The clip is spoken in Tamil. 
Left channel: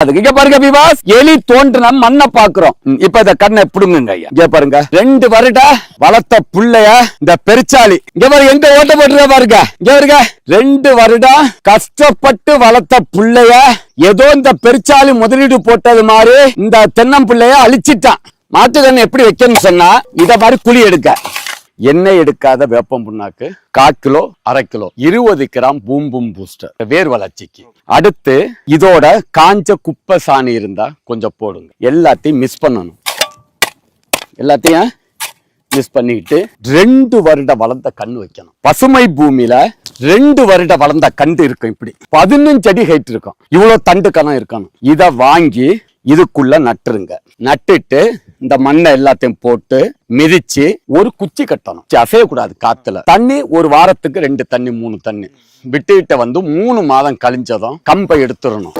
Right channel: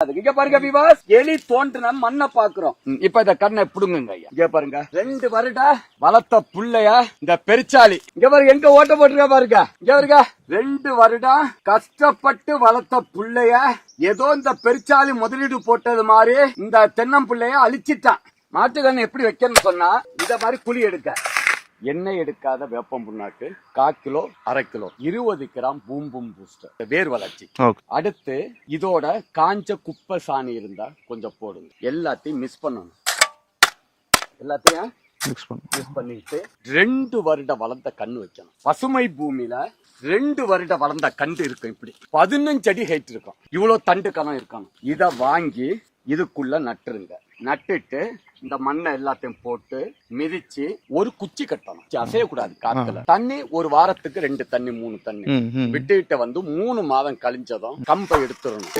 அதுக்கு இங்க பாருங்க விவாஸ், எலி தோன்றுன மண்ணை பாக்குறோம். இப்ப இந்த கண்ணை பிடுங்குங்க ஐயா. இங்க பாருங்க 2 வருடம் வளர்த்த புள்ளைய இந்த பெருச்சாளி இங்க பாருங்க எங்க ஓட்ட போட்டுருக்க பாருங்க. இங்க பாருங்க 2 வருடம் கஷ்டப்பட்டு வளர்த்த புள்ளைய ஏதோ இந்த பெருச்சாளி முதலீடு போட்டது மாதிரி இந்த தென்னம்பிள்ளைய அழிச்சிட்டான். மாட்டுக்கண்ணு எப்படி வைக்கணும்னு சொன்னா இத மாதிரி குழி எடுக்க, எண்ணெய் எடுக்காத வேப்பம் புண்ணாக்கு 1/4 கிலோ 1/2 கிலோ 20 கிராம் பூம்பும் பூஸ்டர் வேர் வளர்ச்சிக்கு. அடுத்து இதோட காஞ்ச குப்பை சாணி இருந்தா கொஞ்சம் போடுங்க. எல்லாத்தையும் மிக்ஸ் பண்ணணும். எல்லாத்தையும் மிக்ஸ் பண்ணிட்டு 2 வருடம் வளர்ந்த கண்ணு வைக்கணும். பசுமை பூமியில 2 வருடம் வளர்ந்த கண்டு இருக்கும். இப்படி 15 அடி ஹைட் இருக்கும். இவ்வளவு தண்டு கணம் இருக்கணும். இத வாங்கி இதுக்குள்ள நட்டுருங்க. நட்டுட்டு இந்த மண்ணை எல்லாத்தையும் போட்டு மிதிச்சு ஒரு குச்சி கட்டணும். அசையக்கூடாது காத்துல. தண்ணி ஒரு வாரத்துக்கு 2 தண்ணி 3 தண்ணி விட்டுக்கிட்ட வந்து 3 மாதம் கழிஞ்சதும் கம்பை எடுத்துடணும்.